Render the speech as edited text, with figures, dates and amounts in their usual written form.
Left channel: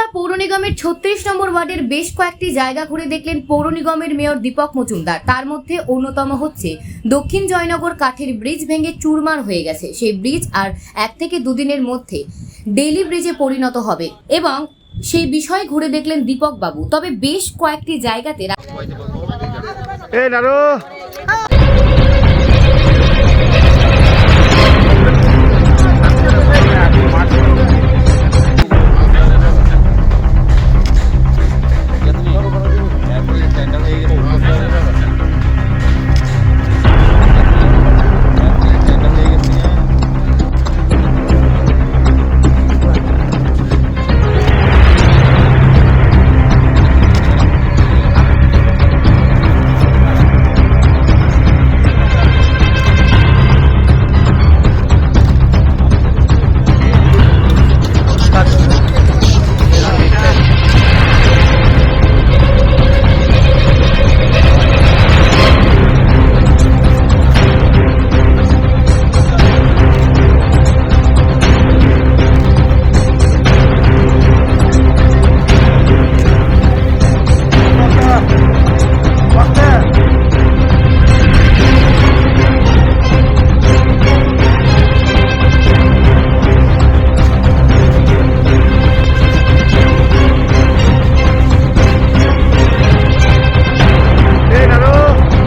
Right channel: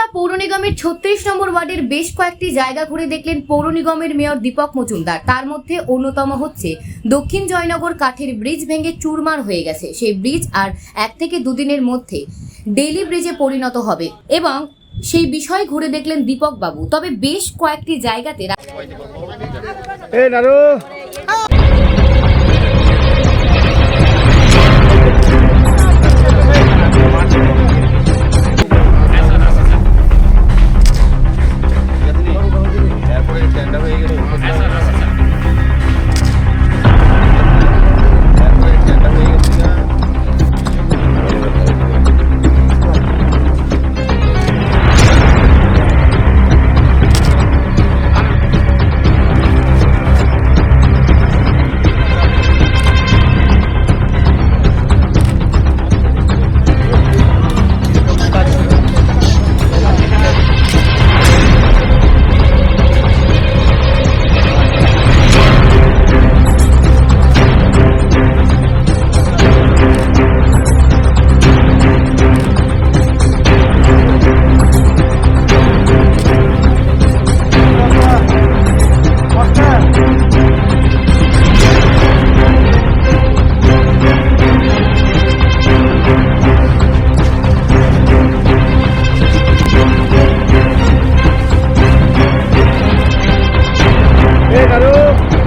আগরতলা পৌর নিগমের ৩৬ নম্বর ওয়ার্ডের বেশ কয়েকটি জায়গা ঘুরে দেখলেন পৌর নিগমের মেয়র দীপক মজুমদার। তার মধ্যে অন্যতম হচ্ছে দক্ষিণ জয়নগর কাঠের ব্রিজ ভেঙে চুরমার হয়ে গেছে। সেই ব্রিজ আর 1 থেকে 2 দিনের মধ্যে ডেইলি ব্রিজে পরিণত হবে এবং সেই বিষয় ঘুরে দেখলেন দীপক বাবু। তবে বেশ কয়েকটি জায়গাতে